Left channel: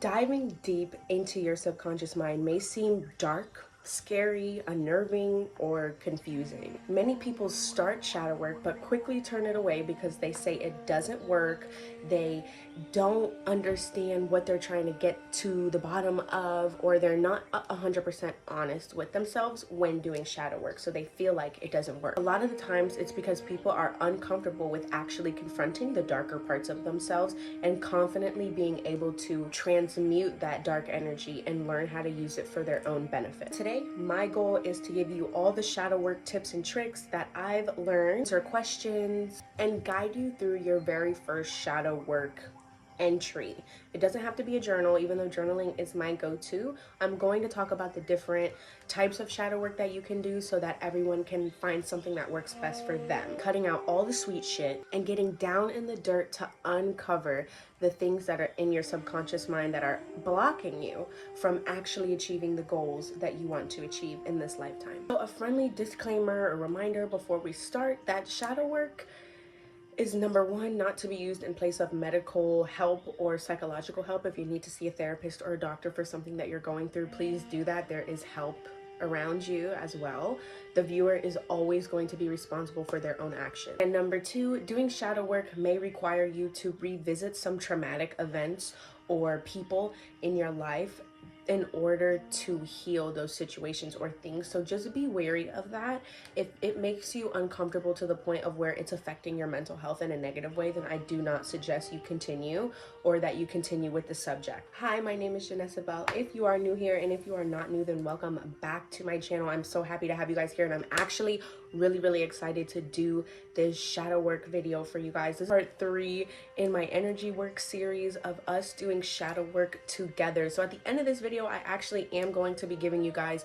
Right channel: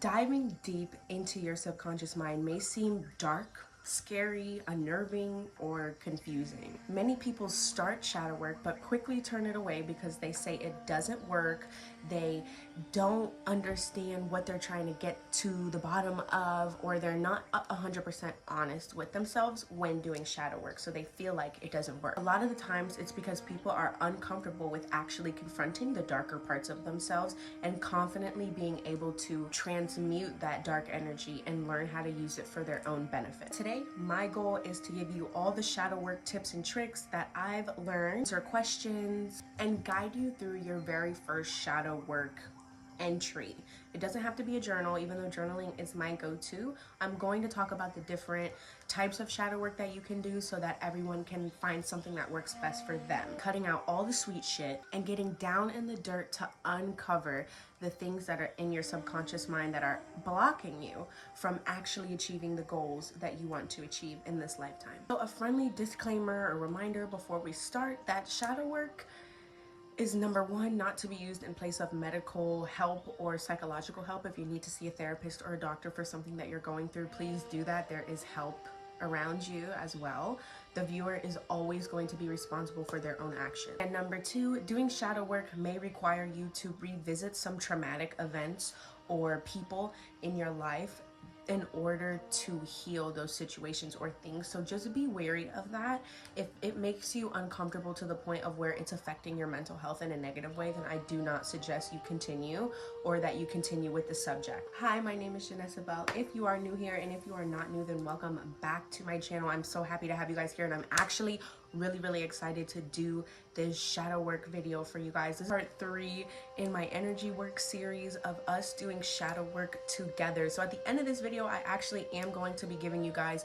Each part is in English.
Diving deep into your subconscious mind may seem dark, scary, unnerving, or confusing. Many people start shadow work but quickly turn it away because they say it doesn't work. They don't understand what they're trying to get to the bottom of, or they're not 100% honest with themselves when doing shadow work, so they feel like it doesn't work. A lot of the times it's because people are uncomfortable with actually confronting the darker parts of themselves and confidently being able to transmute that dark energy and learn how to use it for their own benefit. Today, my goal is to give you all the shadow work tips and tricks that I've learned, answer questions, and guide you through your very first shadow work entry. It doesn't have to be a journal, even though journaling is my go-to. I'm going to talk about the different types of shadow work that you can do so that everyone can find something that works best for them. Cutting out all the sweet shit and getting down in the dirt to uncover the things that are in your subconscious mind that are blocking you from actually achieving the goals that you want to achieve in this lifetime. So a friendly disclaimer or reminder before we start that shadow work is, number one, not to be used in place of medical help or psychological help. If you need to see a therapist or a doctor for something that you're going through, please do that. There is help around you as well. The viewer is always going to be responsible for their own actions. And number two, doing shadow work may require you to revisit some traumatic events or people in your life in order to heal those situations or things. So just be wary of that. If it makes you uncomfortable to the point of where it's affecting your mental health in a negative way, then I do not suggest you continue, or that you continue with the subject. Hi, my name is Janessa-Belle. If you are new here, and if you are not new, then welcome back to my channel. I'm so happy to have you guys here, and I'm actually really excited to do this shadow work video for you guys. This is part 3 in my energy work series of us doing shadow work together. So at the end of this video, I actually am going to be giving you guys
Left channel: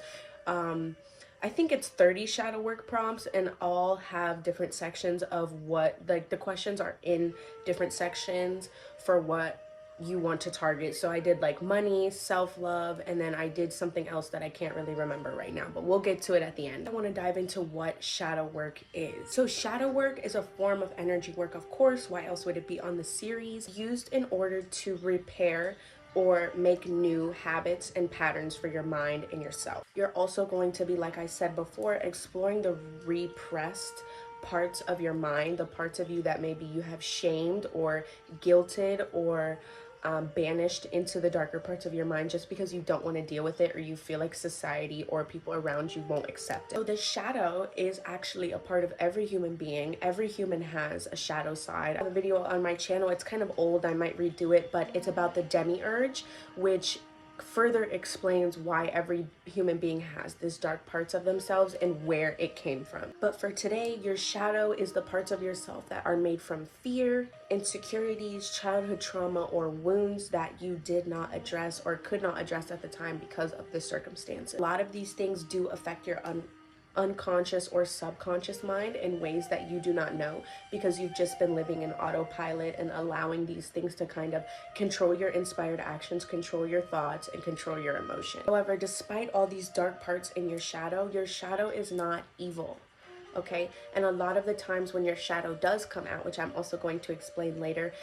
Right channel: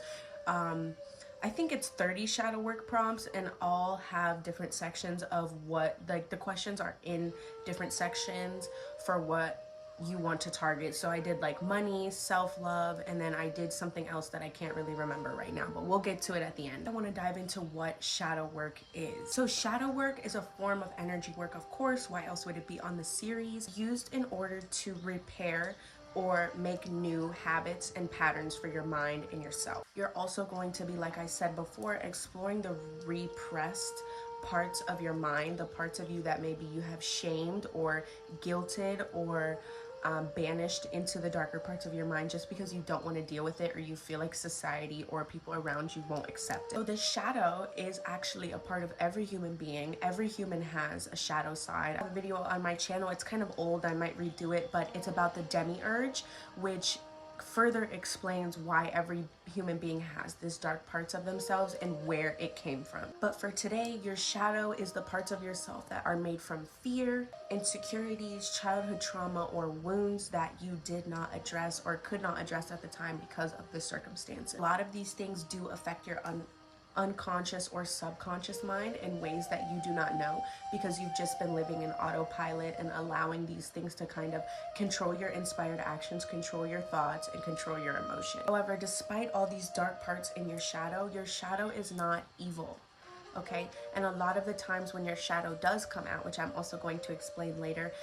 I think it's 30 shadow work prompts, and all have different sections of what, like, the questions are in different sections for what you want to target. So I did like money, self-love, and then I did something else that I can't really remember right now, but we'll get to it at the end. I want to dive into what shadow work is. So shadow work is a form of energy work, of course. Why else would it be on the series? Used in order to repair or make new habits and patterns for your mind and yourself. You're also going to be, like I said before, exploring the repressed parts of your mind, the parts of you that maybe you have shamed or guilted or banished into the darker parts of your mind just because you don't want to deal with it, or you feel like society or people around you won't accept it. So the shadow is actually a part of every human being. Every human has a shadow side. I have a video on my channel, it's kind of old, I might redo it, but it's about the demiurge, which further explains why every human being has these dark parts of themselves and where it came from. But for today, your shadow is the parts of yourself that are made from fear, insecurities, childhood trauma, or wounds that you did not address or could not address at the time because of the circumstances. A lot of these things do affect your unconscious or subconscious mind in ways that you do not know, because you've just been living in autopilot and allowing these things to kind of control your inspired actions, control your thoughts, and control your emotion. However, despite all these dark parts in your shadow is not evil. Okay? And a lot of the times when your shadow does come out, which I'm also going to explain later,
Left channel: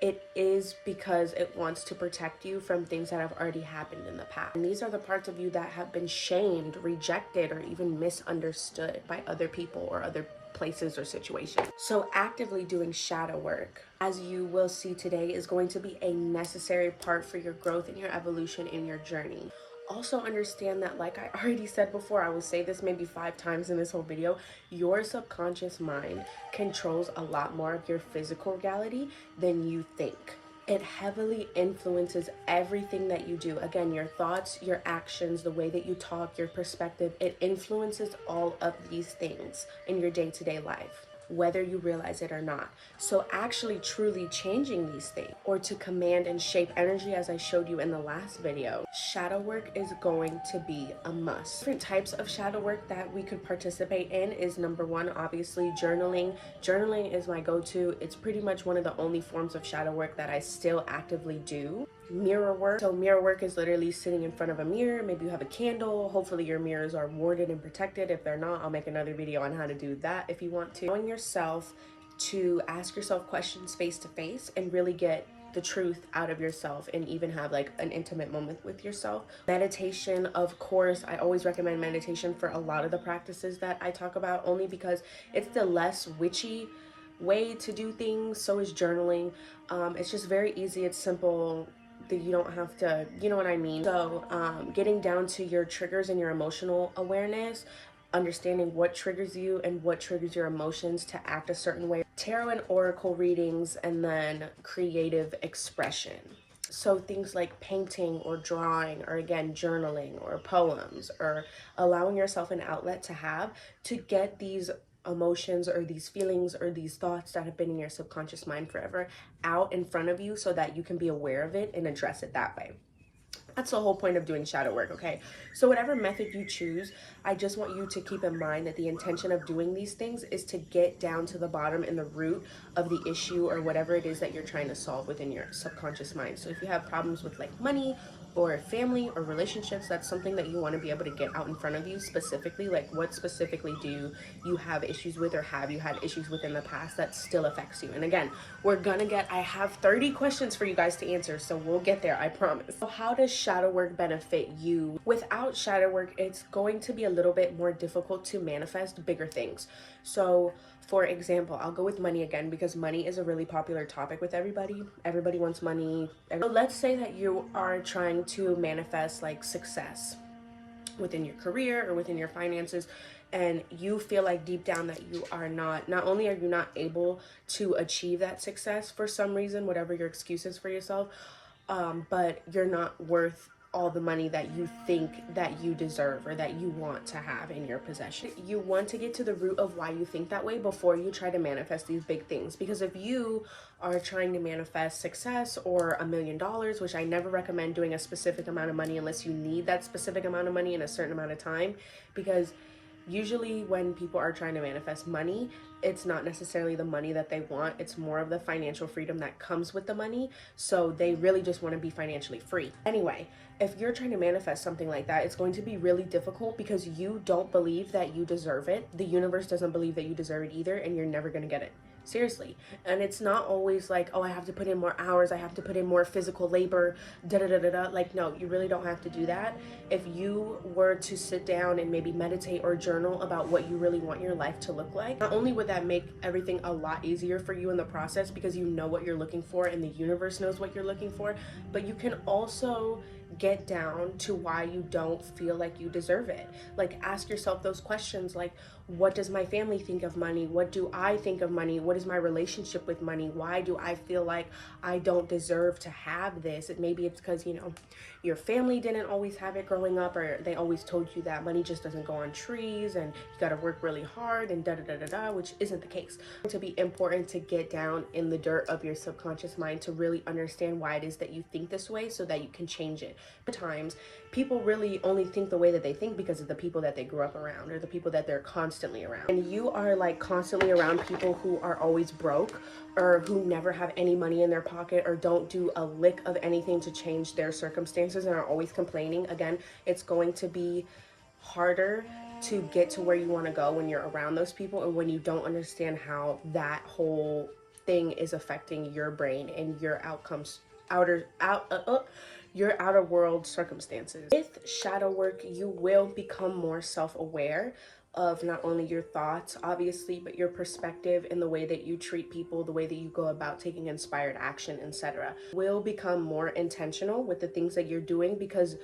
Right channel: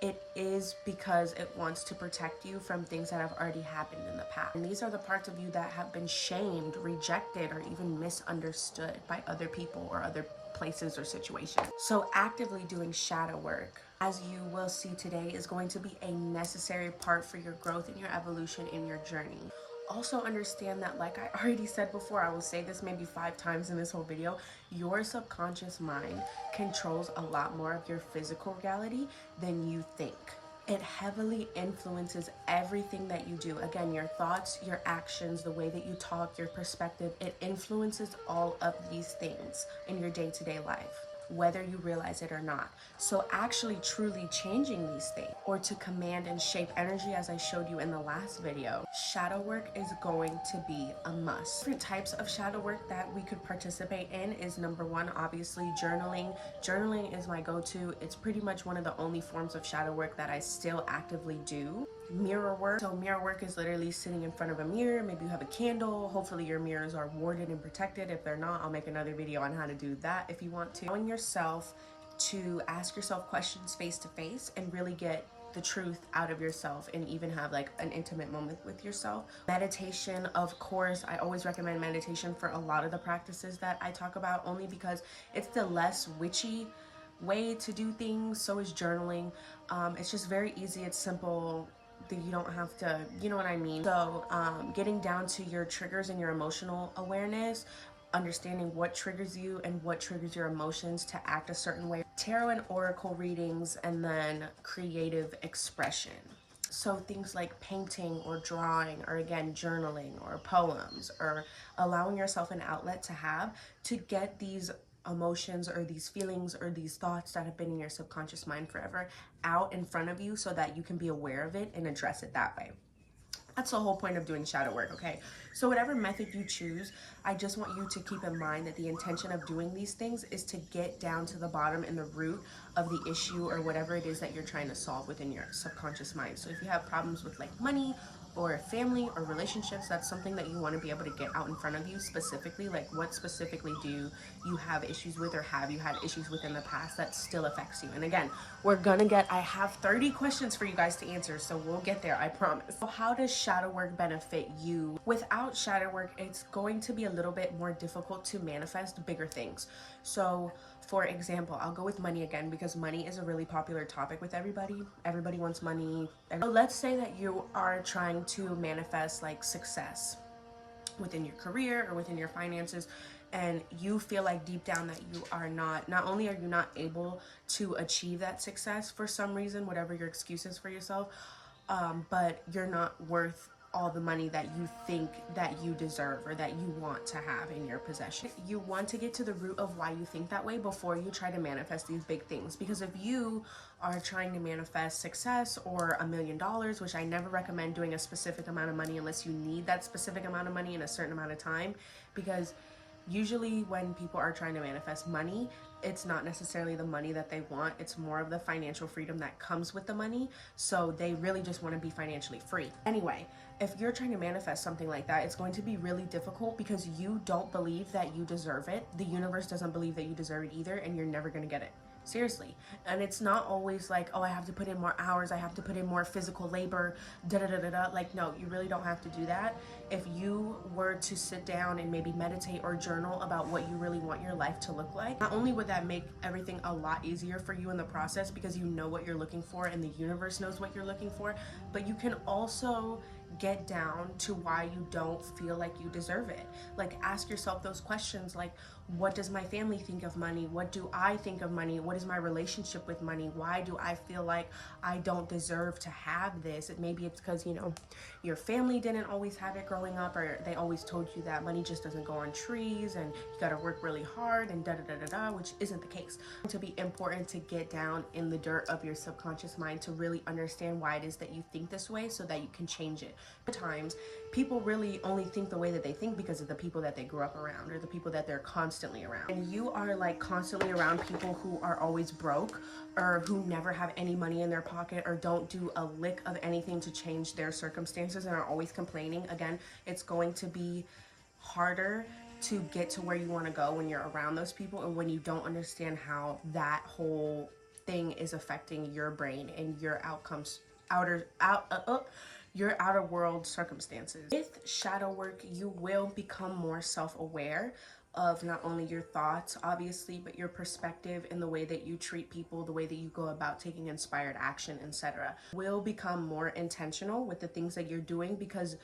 it is because it wants to protect you from things that have already happened in the past. And these are the parts of you that have been shamed, rejected, or even misunderstood by other people or other places or situations. So actively doing shadow work, as you will see today, is going to be a necessary part for your growth and your evolution in your journey. Also understand that, like I already said before, I will say this maybe 5 times in this whole video, your subconscious mind controls a lot more of your physical reality than you think. It heavily influences everything that you do. Again, your thoughts, your actions, the way that you talk, your perspective, it influences all of these things in your day-to-day life, whether you realize it or not. So actually truly changing these things, or to command and shape energy, as I showed you in the last video, shadow work is going to be a must. Different types of shadow work that we could participate in is, number 1, obviously journaling. Journaling is my go-to. It's pretty much one of the only forms of shadow work that I still actively do. Mirror work. So mirror work is literally sitting in front of a mirror. Maybe you have a candle. Hopefully your mirrors are warded and protected. If they're not, I'll make another video on how to do that if you want to. Allowing yourself to ask yourself questions face to face and really get the truth out of yourself and even have like an intimate moment with yourself. Meditation, of course, I always recommend meditation for a lot of the practices that I talk about, only because it's the less witchy way to do things. So is journaling. It's just very easy, it's simple, that you don't have to, you know what I mean? So getting down to your triggers and your emotional awareness, understanding what triggers you and what triggers your emotions to act a certain way. Tarot and oracle readings, and then creative expression. So things like painting or drawing, or again, journaling or poems, or allowing yourself an outlet to get these emotions or these feelings or these thoughts that have been in your subconscious mind forever out in front of you, so that you can be aware of it and address it that way. That's the whole point of doing shadow work, okay? So whatever method you choose, I just want you to keep in mind that the intention of doing these things is to get down to the bottom and the root of the issue or whatever it is that you're trying to solve within your subconscious mind. So if you have problems with like money or family or relationships, that's something that you want to be able to get out in front of you specifically. Like, what specifically do you have issues with, or have you had issues with in the past that still affects you? And again, I have 30 questions for you guys to answer, so we'll get there, I promise. So how does shadow work benefit you? Without shadow work, it's going to be a little bit more difficult to manifest bigger things. So for example, I'll go with money again, because money is a really popular topic with everybody. Everybody wants money. So let's say that you are trying to manifest like success within your career or within your finances, and you feel like deep down that you are not only are you not able to achieve that success for some reason, whatever your excuse is for yourself, but you're not worth all the money that you think that you deserve or that you want to have in your possession. You want to get to the root of why you think that way before you try to manifest these big things. Because if you are trying to manifest success or $1 million, which I never recommend doing a specific amount of money unless you need that specific amount of money in a certain amount of time, because usually when people are trying to manifest money, it's not necessarily the money that they want, it's more of the financial freedom that comes with the money. So they really just want to be financially free. Anyway, if you're trying to manifest something like that, it's going to be really difficult because you don't believe that you deserve it. The universe doesn't believe that you deserve it either, and you're never going to get it. Seriously. And it's not always like, oh, I have to put in more hours, I have to put in more physical labor, Like, no, you really don't have to do that. If you were to sit down and maybe meditate or journal about what you really want your life to look like, not only would that make everything a lot easier for you in the process, because you know what you're looking for and the universe knows what you're looking for, but you can also get down to why you don't feel like you deserve it. Like, ask yourself those questions, like, what does my family think of money? What do I think of money? What is my relationship with money? Why do I feel like I don't deserve to have this? Maybe it's because, you know, your family didn't always have it growing up, or they always told you that money just doesn't go on trees and you got to work really hard and which isn't the case. It's to be important to get down in the dirt of your subconscious mind to really understand why it is that you think this way, so that you can change it. At times, people really only think the way that they think because of the people that they grew up around or the people that they're constantly around. And you are like constantly around people who are always broke, or who never have any money in their pocket, or don't do a lick of anything to change their circumstances and are always complaining. Again, it's going to be harder to get to where you want to go when you're around those people, and when you don't understand how that whole thing is affecting your brain and your outcomes, your outer world circumstances. With shadow work, you will become more self-aware of not only your thoughts, obviously, but your perspective and the way that you treat people, the way that you go about taking inspired action, etc. Will become more intentional with the things that you're doing, because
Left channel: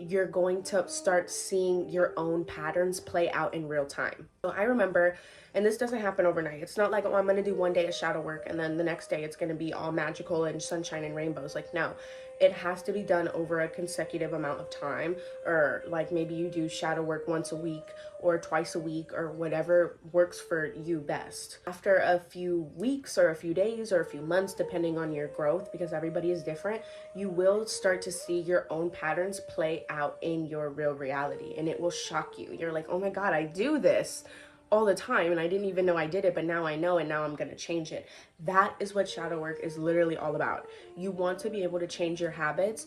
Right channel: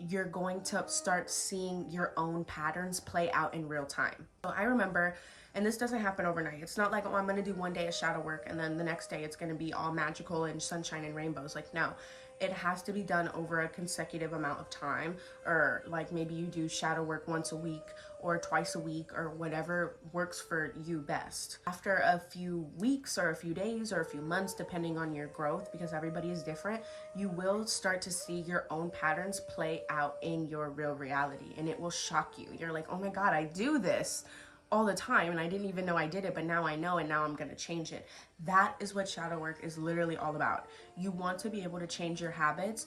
you're going to start seeing your own patterns play out in real time. So I remember, and this doesn't happen overnight. It's not like, oh, I'm going to do one day of shadow work and then the next day it's going to be all magical and sunshine and rainbows. Like, no, it has to be done over a consecutive amount of time, or like maybe you do shadow work once a week or twice a week, or whatever works for you best. After a few weeks or a few days or a few months, depending on your growth, because everybody is different, you will start to see your own patterns play out in your real reality, and it will shock you. You're like, oh my God, I do this all the time and I didn't even know I did it, but now I know, and now I'm gonna change it. That is what shadow work is literally all about. You want to be able to change your habits,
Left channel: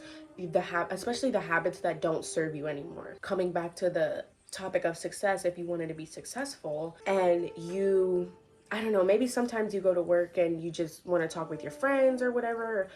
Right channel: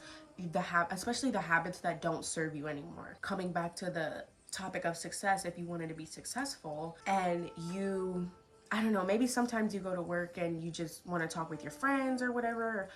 especially the habits that don't serve you anymore. Coming back to the topic of success, if you wanted to be successful and you, I don't know, maybe sometimes you go to work and you just want to talk with your friends or whatever,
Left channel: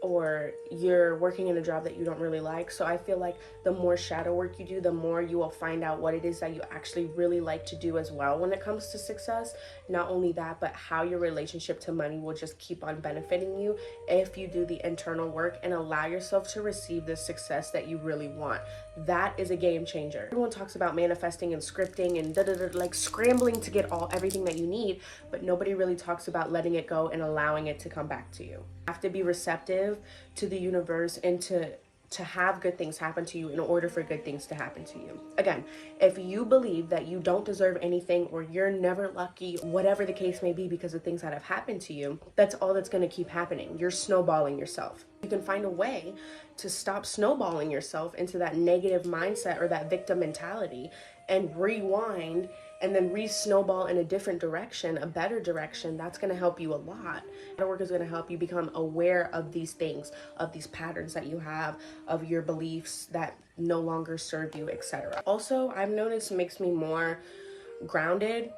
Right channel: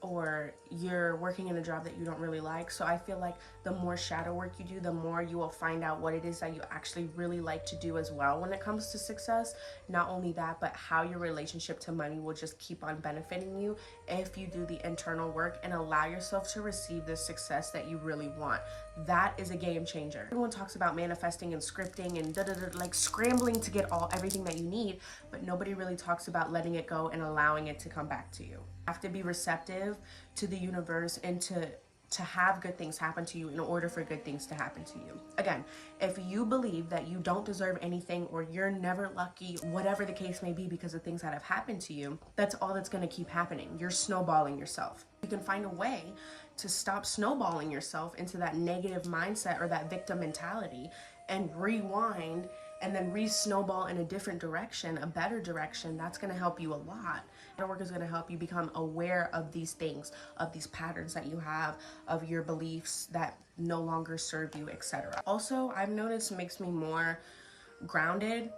or you're working in a job that you don't really like. So I feel like the more shadow work you do, the more you will find out what it is that you actually really like to do as well when it comes to success. Not only that, but how your relationship to money will just keep on benefiting you if you do the internal work and allow yourself to receive the success that you really want. That is a game changer. Everyone talks about manifesting and scripting and like scrambling to get everything that you need, but nobody really talks about letting it go and allowing it to come back to you. You have to be receptive to the universe and to have good things happen to you in order for good things to happen to you. Again, if you believe that you don't deserve anything or you're never lucky, whatever the case may be because of things that have happened to you, that's all that's going to keep happening. You're snowballing yourself. You can find a way to stop snowballing yourself into that negative mindset or that victim mentality and rewind and then re-snowball in a different direction, a better direction. That's going to help you a lot. The work is going to help you become aware of these things, of these patterns that you have, of your beliefs that no longer serve you, etc. Also, I've noticed it makes me more grounded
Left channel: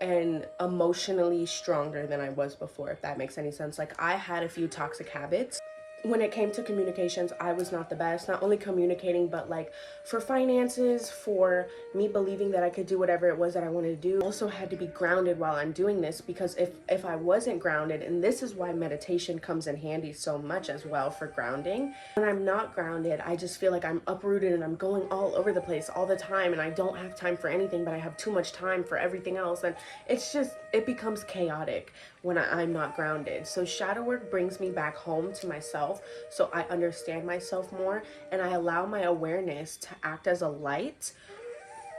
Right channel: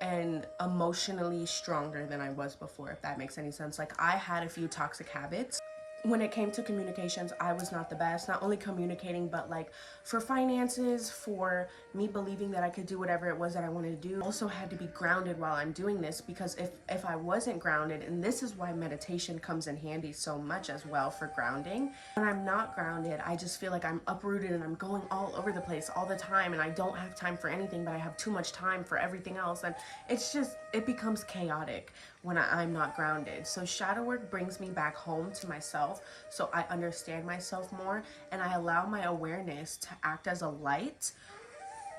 and emotionally stronger than I was before, if that makes any sense. Like, I had a few toxic habits. When it came to communications, I was not the best, not only communicating, but like for finances, for me believing that I could do whatever it was that I wanted to do. I also had to be grounded while I'm doing this, because if I wasn't grounded, and this is why meditation comes in handy so much as well for grounding. When I'm not grounded, I just feel like I'm uprooted and I'm going all over the place all the time, and I don't have time for anything, but I have too much time for everything else. And it becomes chaotic when I'm not grounded. So shadow work brings me back home to myself, so I understand myself more, and I allow my awareness to act as a light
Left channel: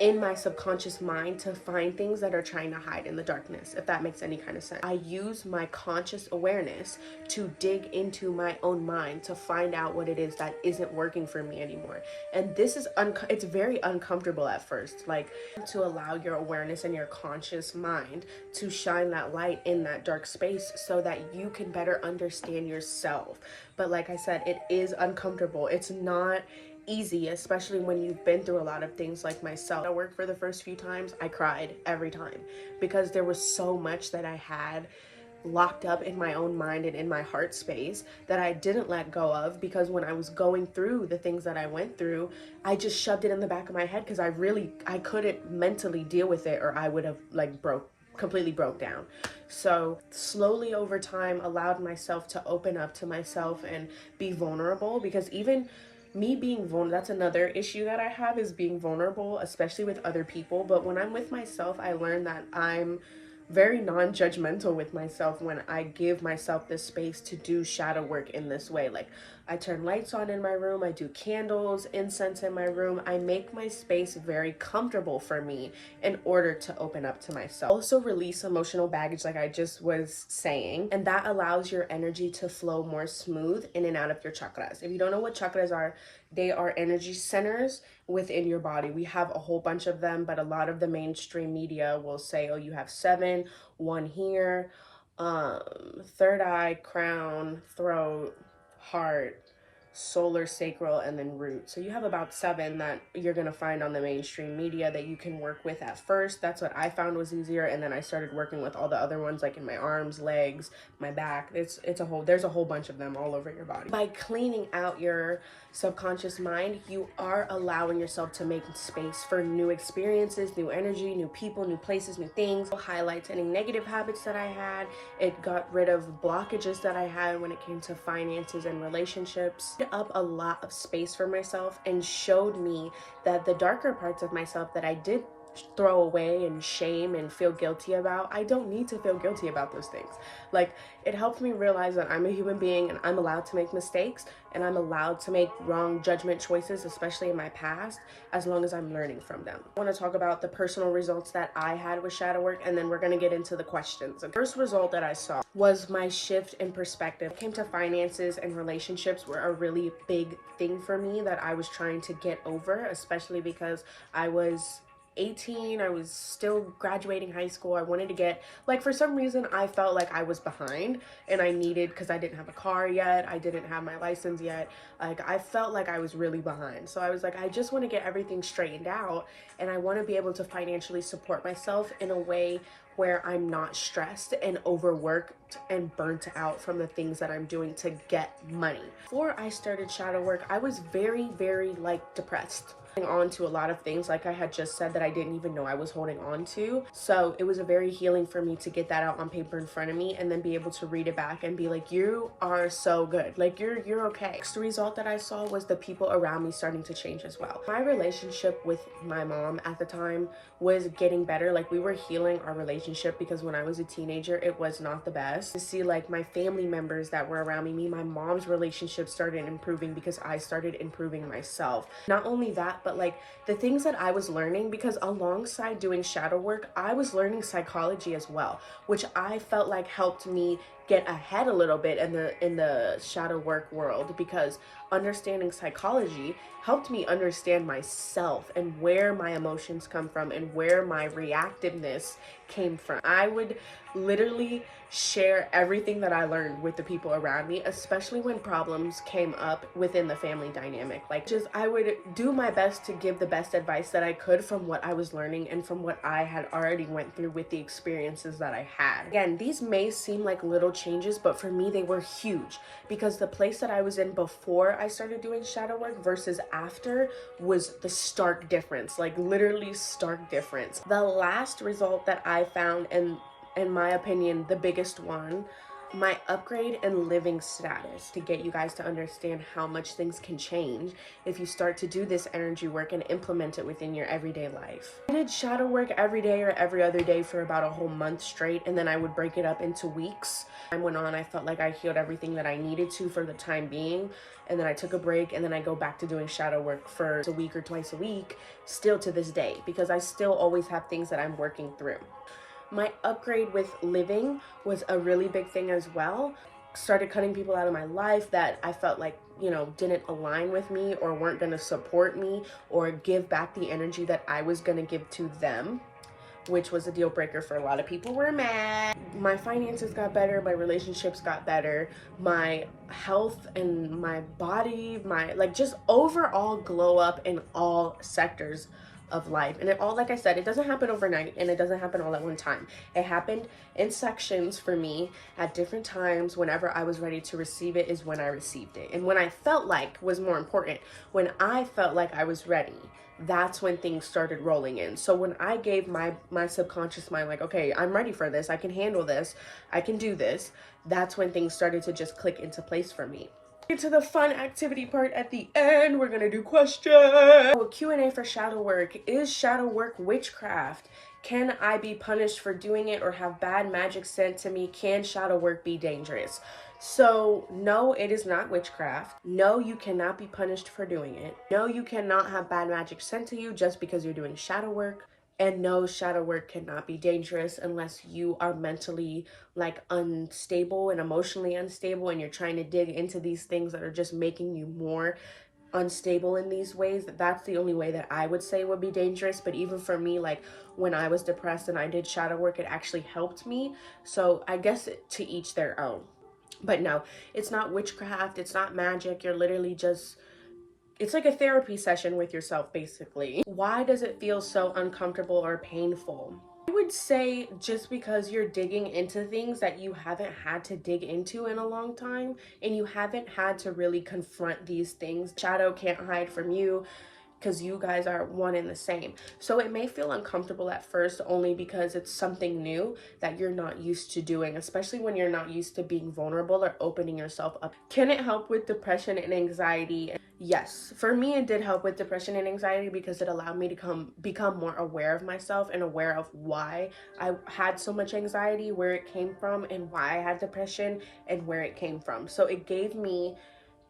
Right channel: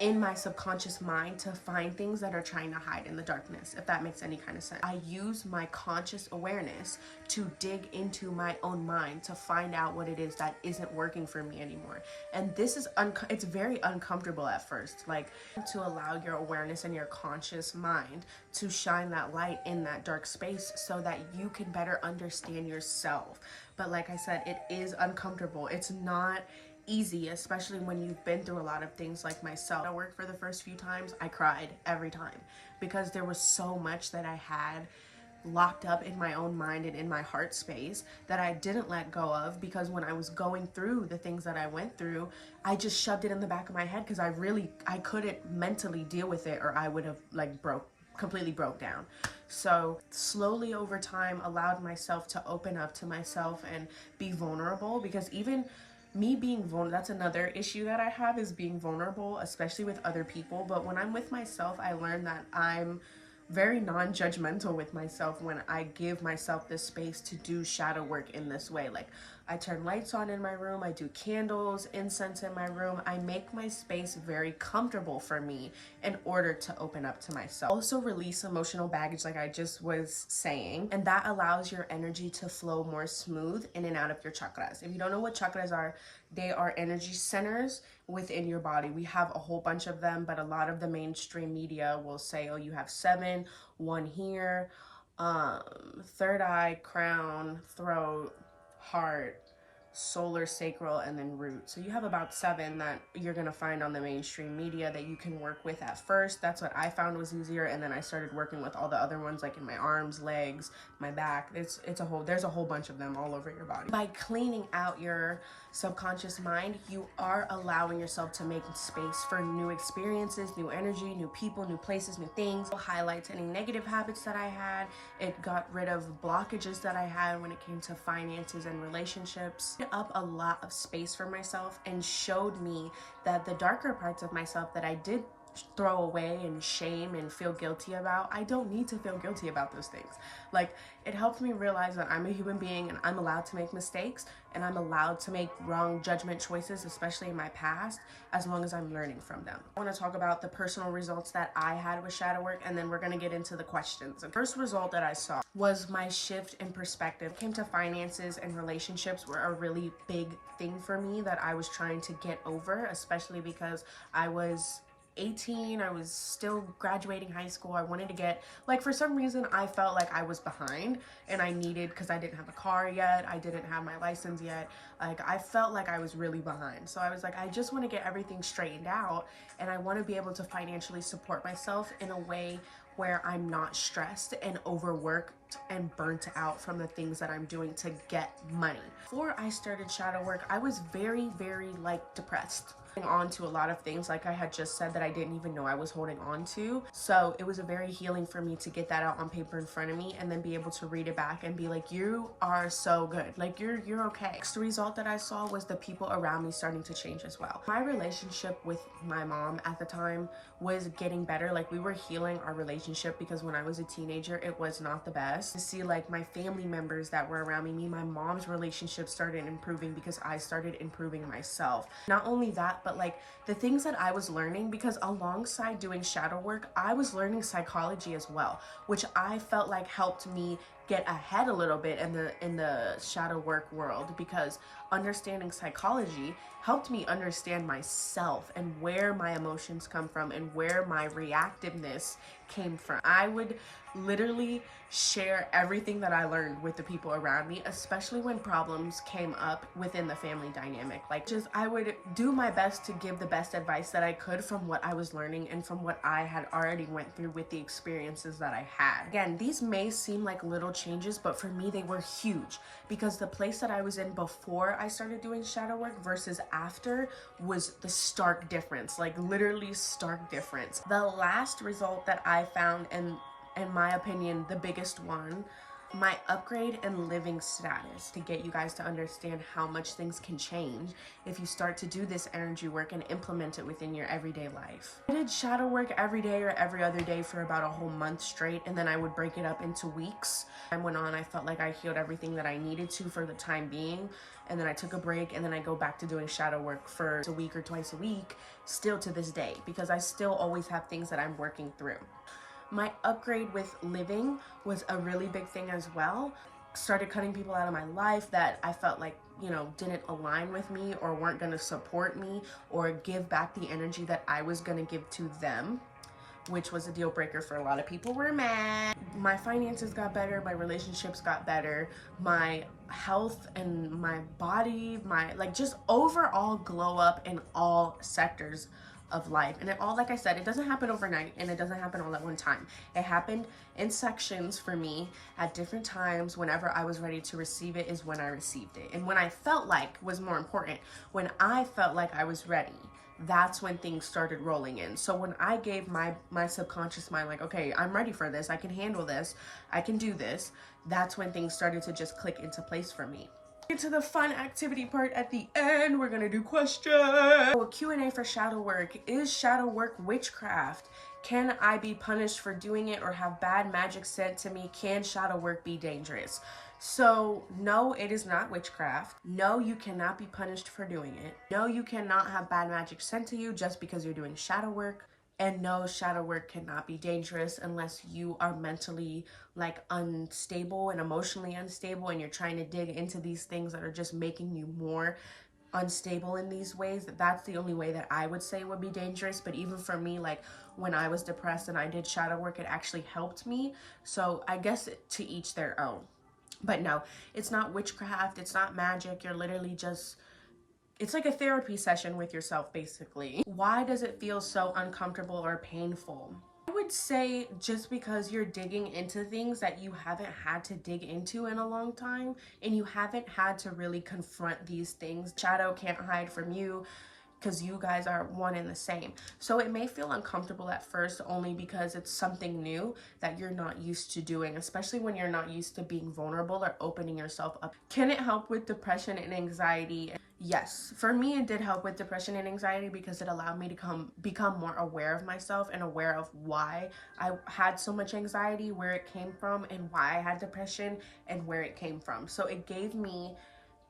in my subconscious mind to find things that are trying to hide in the darkness, if that makes any kind of sense. I use my conscious awareness to dig into my own mind to find out what it is that isn't working for me anymore. And this is it's very uncomfortable at first, like to allow your awareness and your conscious mind to shine that light in that dark space so that you can better understand yourself. But like I said, it is uncomfortable. It's not easy, especially when you've been through a lot of things like myself. I worked for the first few times, I cried every time because there was so much that I had locked up in my own mind and in my heart space that I didn't let go of, because when I was going through the things that I went through, I just shoved it in the back of my head because I couldn't mentally deal with it, or I would have like completely broke down. So slowly over time allowed myself to open up to myself and be vulnerable, because even me being vulnerable, that's another issue that I have, is being vulnerable, especially with other people. But when I'm with myself, I learn that I'm very non-judgmental with myself when I give myself the space to do shadow work in this way. Like, I turn lights on in my room, I do candles, incense in my room. I make my space very comfortable for me in order to open up to myself. Also release emotional baggage, like I just was saying, and that allows your energy to flow more smooth in and out of your chakras. If you don't know what chakras are, they are energy centers within your body. We have a whole bunch of them, but a lot of the mainstream media will say, oh, you have 7, 1 here, third eye, crown, throat, heart, solar, sacral, and then root. So you have about 7 that you're going to find on the mainstream media that you can work with at first. That's what I found was easier, and then I started working with all the other ones, like in my arms, legs, my back. There's a whole bunch of them all over your body. By cleaning out your subconscious mind, you are allowing yourself to make space for new experiences, new energy, new people, new places, new things. It highlights any negative habits that I had. It got rid of blockages that I had when it came to finances and relationships. It up a lot of space for myself and showed me that the darker parts of myself that I did throw away and shame and feel guilty about, I don't need to feel guilty about those things. Like, it helped me realize that I'm a human being and I'm allowed to make mistakes, and I'm allowed to make wrong judgment choices, especially in my past, as long as I'm learning from them. I want to talk about the personal results that I had with shadow work, and then we're going to get into the questions. The first result that I saw was my shift in perspective. When it came to finances and relationships were a really big thing for me that I was trying to get over, especially because I was 18, I was still graduating high school. I wanted to get, like, for some reason I felt like I was behind, and I needed, because I didn't have a car yet, I didn't have my license yet, like I felt like I was really behind. So I was like, I just want to get everything straightened out, and I want to be able to financially support myself in a way where I'm not stressed and overworked and burnt out from the things that I'm doing to get money. Before I started shadow work, I was very, very like depressed. On to a lot of things, like I had just said, that I didn't even know I was holding on to. So it was a very healing for me to get that out on paper in front of me and then be able to read it back and be like, you are so good, like you're okay. Next result that I saw was the people around me starting to change as well. My relationship with my mom at the time was getting better. Like, we were healing our relationship, because when I was a teenager, it was not the best. To see like my family members that were around me, my mom's relationship started improving because I started improving myself. Not only that, but like the things that I was learning, because alongside doing shadow work, I was learning psychology as well, which I felt like helped me get ahead a little bit in the shadow work world, because understanding psychology helped me understand myself and where my emotions come from and where my reactiveness came from. I would literally share everything that I learned with the people around me, especially when problems came up within the family dynamic. Like, just I would do my best to give the best advice that I could from what I was learning and from what I had already went through with the experiences that I had. Again, these may seem like little changes, but for me they were huge, because the place that I was in before I started doing shadow work versus after was the stark difference, like literally stark difference. The last result that I found, and in my opinion, the biggest one, my upgrade in living status, to get you guys to understand how much things can change if you start to do this energy work and implement it within your everyday life. I did shadow work every day or every other day for about a whole month straight, and then I would break it up into weeks. Time went on, I felt like I healed everything that I needed to for the time being, and then I took a break, and then I go back to doing shadow work for a week or twice a week, still to this day, because I still always have things that I'm working through. My upgrade with living was a really big thing as well. Started cutting people out of my life that I felt like, you know, didn't align with me or weren't going to support me or give back the energy that I was going to give to them, which was a deal breaker for a lot of people. Were mad. My finances got better, my relationships got better, my health and my body, my like just overall glow up in all sectors of life. And it all, like I said, it doesn't happen overnight and it doesn't happen all at one time. It happened in sections for me at different times. Whenever I was ready to receive it is when I received it. And when I felt like was more important, when I felt like I was ready, that's when things started rolling in. So when I gave my subconscious mind, like, okay, I'm ready for this, I can handle this, I can do this, that's when things started to just click into place for me. Get to the fun activity part at the end. We're gonna do questions. Q&A for shadow work. Is shadow work witchcraft? Can I be punished for doing it or have bad magic sent to me? Can shadow work be dangerous? So no, it is not witchcraft. No, you cannot be punished for doing it. No, you cannot have bad magic sent to you just because you're doing shadow work. And no, shadow work cannot be dangerous unless you are mentally like unstable and emotionally unstable, and you're trying to dig into these things that are just making you more unstable in these ways. That's the only way that I would say would be dangerous. But even for me, like when I was depressed and I did shadow work, it actually helped me. So I guess to each their own. But no, it's not witchcraft, it's not magic. You're literally just, it's like a therapy session with yourself, basically. Why does it feel so uncomfortable or painful? I would say just because you're digging into things that you haven't had to dig into in a long time, and you haven't had to really confront these things. Shadow can't hide from you, because you guys are one and the same. So it may feel uncomfortable at first, only because it's something new that you're not used to doing, especially when you're not used to being vulnerable or opening yourself up. Can it help with depression and anxiety? Yes, for me it did help with depression and anxiety, because it allowed me to become more aware of myself and aware of why I had so much anxiety, where it came from, and why I had depression and where it came from. So it gave me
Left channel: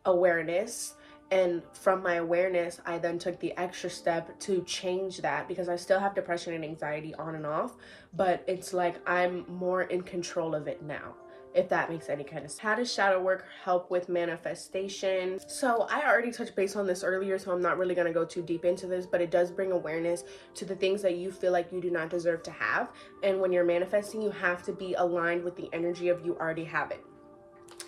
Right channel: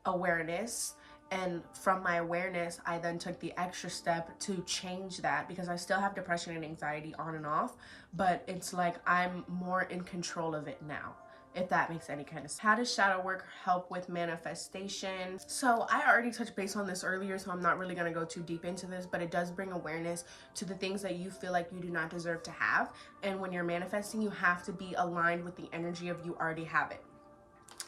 awareness. And from my awareness, I then took the extra step to change that, because I still have depression and anxiety on and off, but it's like I'm more in control of it now, if that makes any kind of sense. How does shadow work help with manifestation? So I already touched base on this earlier, so I'm not really going to go too deep into this, but it does bring awareness to the things that you feel like you do not deserve to have. And when you're manifesting, you have to be aligned with the energy of you already have it.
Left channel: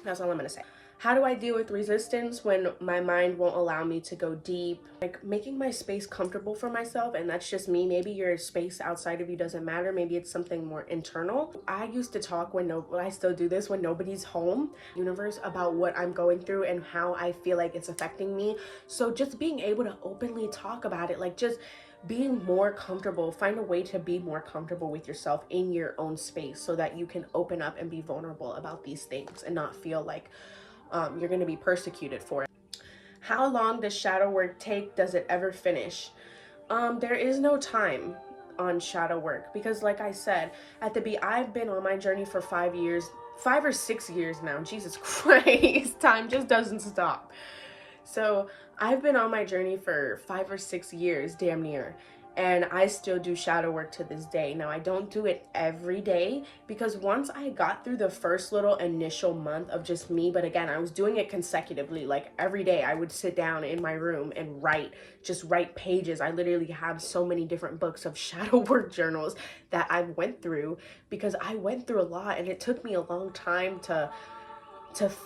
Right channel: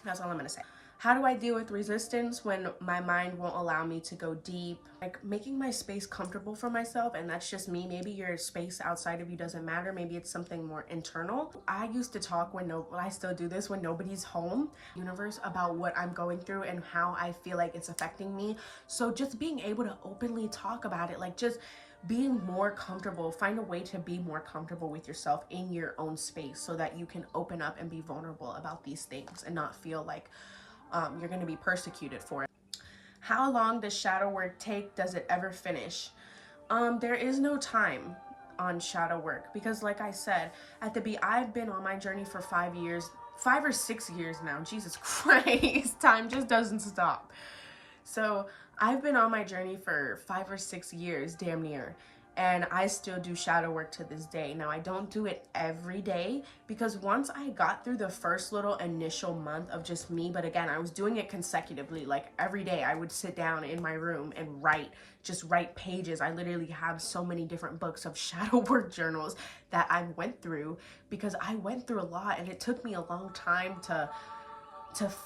That's all I'm going to say. How do I deal with resistance when my mind won't allow me to go deep? Like making my space comfortable for myself, and that's just me. Maybe your space outside of you doesn't matter. Maybe it's something more internal. I used to talk I still do this when nobody's home, universe, about what I'm going through and how I feel like it's affecting me. So just being able to openly talk about it, like just being more comfortable, find a way to be more comfortable with yourself in your own space so that you can open up and be vulnerable about these things and not feel like you're going to be persecuted for it. How long does shadow work take? Does it ever finish? There is no time on shadow work because, like I said, I've been on my journey for 5 or 6 years now. Jesus Christ, time just doesn't stop. So I've been on my journey for 5 or 6 years, damn near. And I still do shadow work to this day. Now, I don't do it every day because once I got through the first little initial month of just me, but again, I was doing it consecutively. Like every day I would sit down in my room and just write pages. I literally have so many different books of shadow work journals that I went through because I went through a lot and it took me a long time to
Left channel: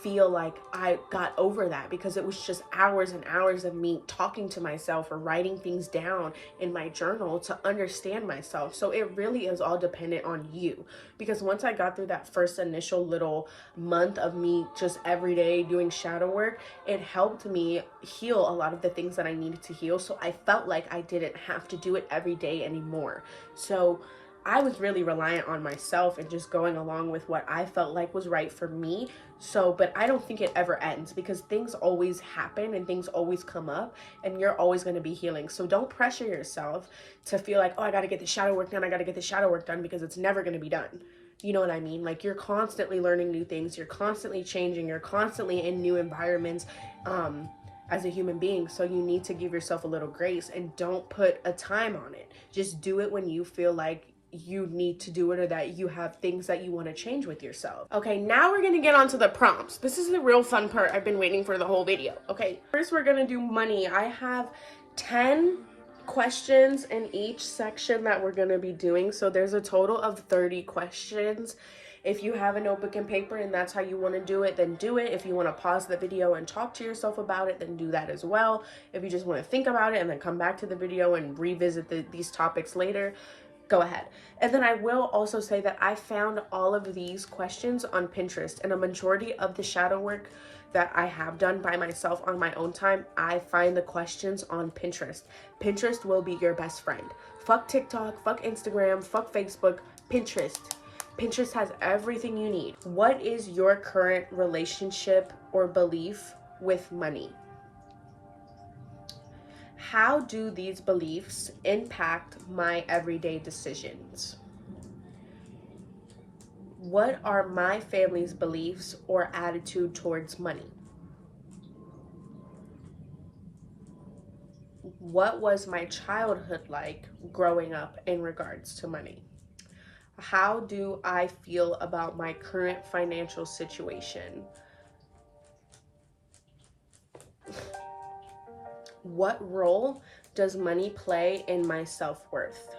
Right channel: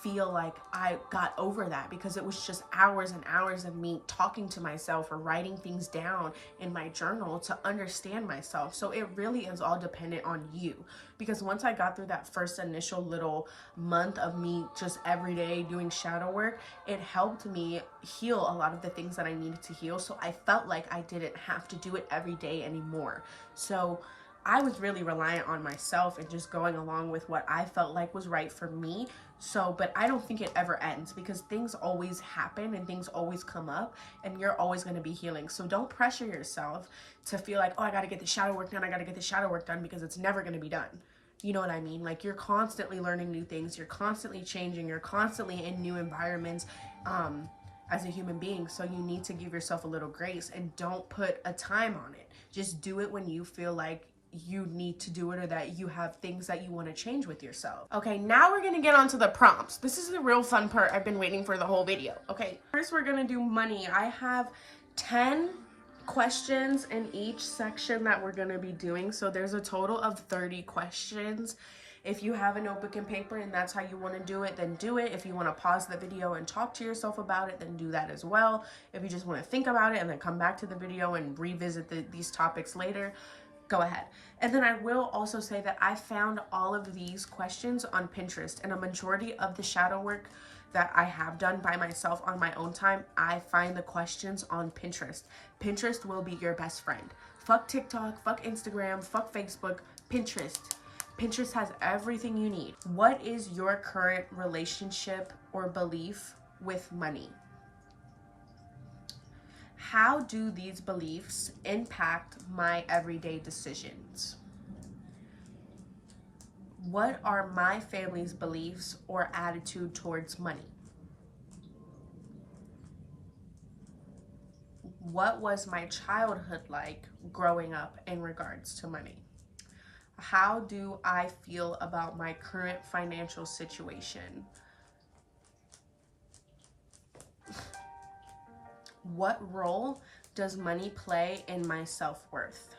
feel like I got over that because it was just hours and hours of me talking to myself or writing things down in my journal to understand myself. So it really is all dependent on you, because once I got through that first initial little month of me just every day doing shadow work, it helped me heal a lot of the things that I needed to heal. So I felt like I didn't have to do it every day anymore. So I was really reliant on myself and just going along with what I felt like was right for me. So, but I don't think it ever ends because things always happen and things always come up and you're always going to be healing. So don't pressure yourself to feel like, oh, I got to get the shadow work done. I got to get the shadow work done because it's never going to be done. You know what I mean? Like you're constantly learning new things. You're constantly changing. You're constantly in new environments as a human being. So you need to give yourself a little grace and don't put a time on it. Just do it when you feel like you need to do it or that you have things that you want to change with yourself. Okay, now we're gonna get on to the prompts. This is the real fun part I've been waiting for the whole video. Okay, first we're gonna do money. I have 10 questions in each section that we're gonna be doing. So there's a total of 30 questions. If you have a notebook and paper and that's how you want to do it, then do it. If you want to pause the video and talk to yourself about it, then do that as well. If you just want to think about it and then come back to the video and revisit these topics later, go ahead. And then I will also say that I found all of these questions on Pinterest, and a majority of the shadow work that I have done by myself on my own time, I find the questions on Pinterest. Pinterest will be your best friend. Fuck TikTok, fuck Instagram, fuck Facebook, Pinterest. Pinterest has everything you need. What is your current relationship or belief with money? How do these beliefs impact my everyday decisions? What are my family's beliefs or attitude towards money? What was my childhood like growing up in regards to money? How do I feel about my current financial situation? What role does money play in my self-worth?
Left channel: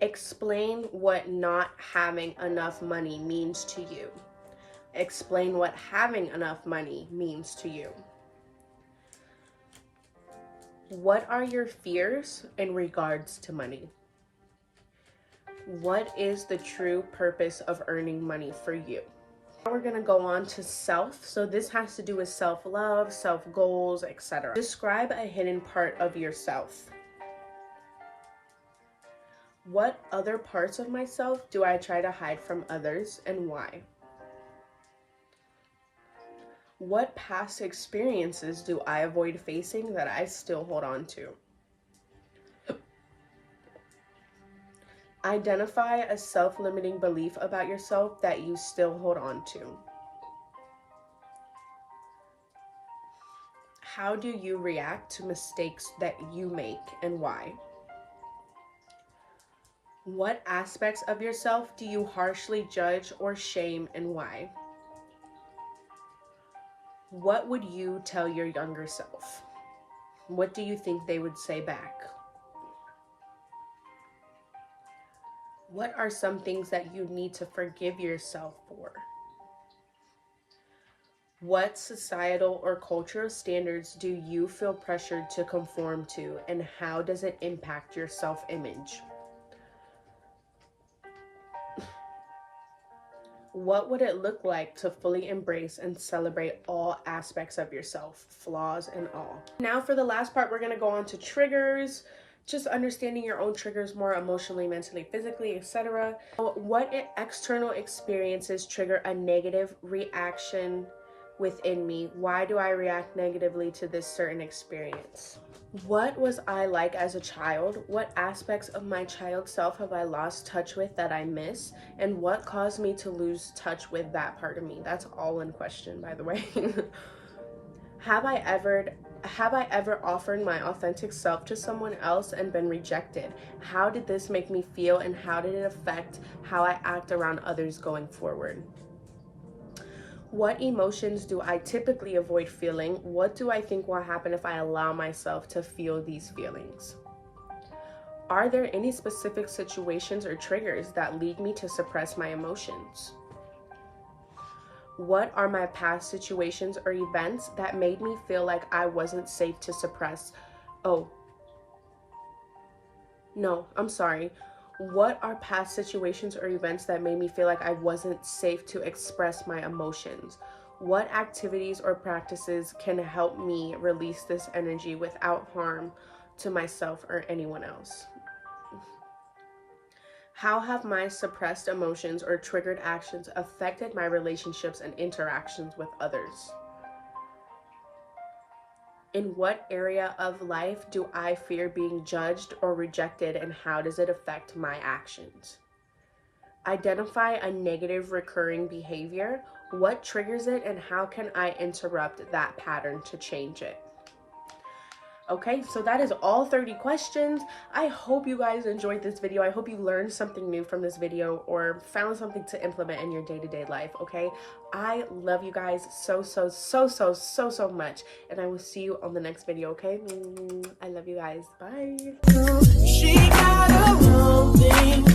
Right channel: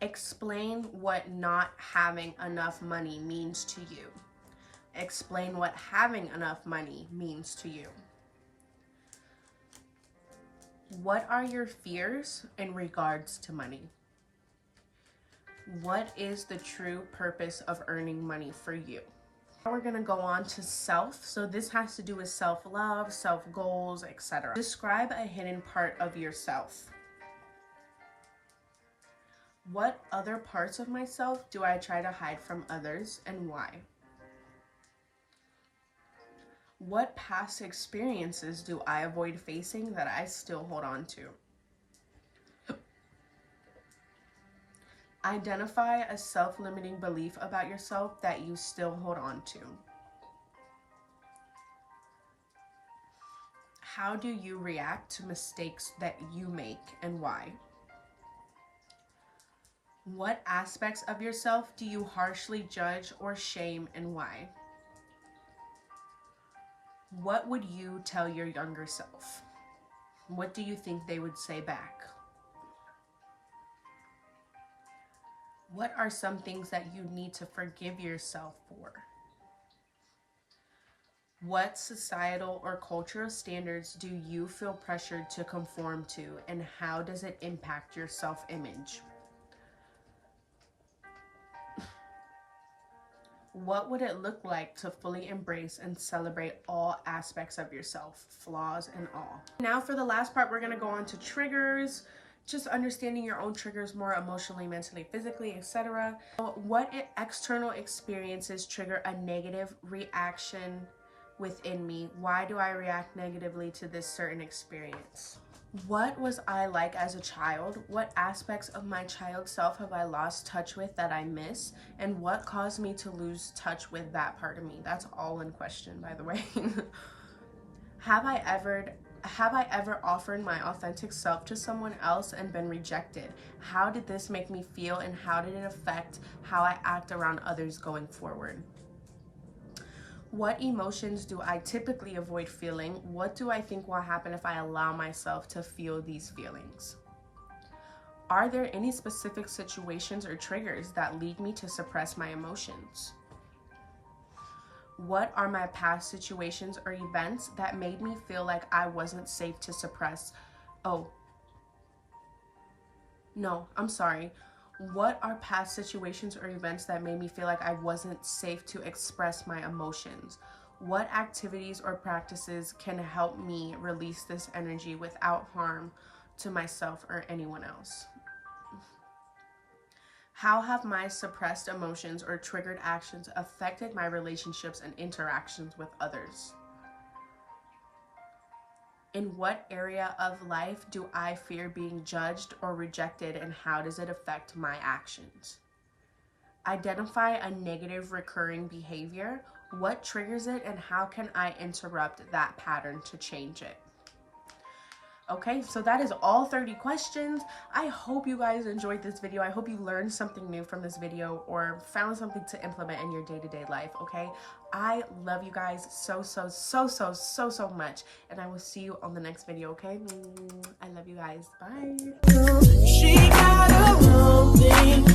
Explain what not having enough money means to you. Explain what having enough money means to you. What are your fears in regards to money? What is the true purpose of earning money for you? Now we're gonna go on to self. So this has to do with self-love, self-goals, etc. Describe a hidden part of yourself. What other parts of myself do I try to hide from others and why? What past experiences do I avoid facing that I still hold on to? Identify a self-limiting belief about yourself that you still hold on to. How do you react to mistakes that you make and why? What aspects of yourself do you harshly judge or shame and why? What would you tell your younger self? What do you think they would say back? What are some things that you need to forgive yourself for? What societal or cultural standards do you feel pressured to conform to, and how does it impact your self-image? What would it look like to fully embrace and celebrate all aspects of yourself, flaws and all? Now for the last part, we're going to go on to triggers, just understanding your own triggers more emotionally, mentally, physically, etc. What external experiences trigger a negative reaction within me? Why do I react negatively to this certain experience? What was I like as a child? What aspects of my child self have I lost touch with that I miss? And what caused me to lose touch with that part of me? That's all one question, by the way. Have I ever offered my authentic self to someone else and been rejected? How did this make me feel, and how did it affect how I act around others going forward? What emotions do I typically avoid feeling? What do I think will happen if I allow myself to feel these feelings? Are there any specific situations or triggers that lead me to suppress my emotions? What are my past situations or events that made me feel like I wasn't safe to suppress? What are past situations or events that made me feel like I wasn't safe to express my emotions? What activities or practices can help me release this energy without harm to myself or anyone else? How have my suppressed emotions or triggered actions affected my relationships and interactions with others? In what area of life do I fear being judged or rejected, and how does it affect my actions? Identify a negative recurring behavior. What triggers it, and how can I interrupt that pattern to change it? Okay, so that is all 30 questions. I hope you guys enjoyed this video. I hope you learned something new from this video or found something to implement in your day-to-day life, okay? I love you guys so much, and I will see you on the next video, okay? I love you guys. Bye. She got her own thing.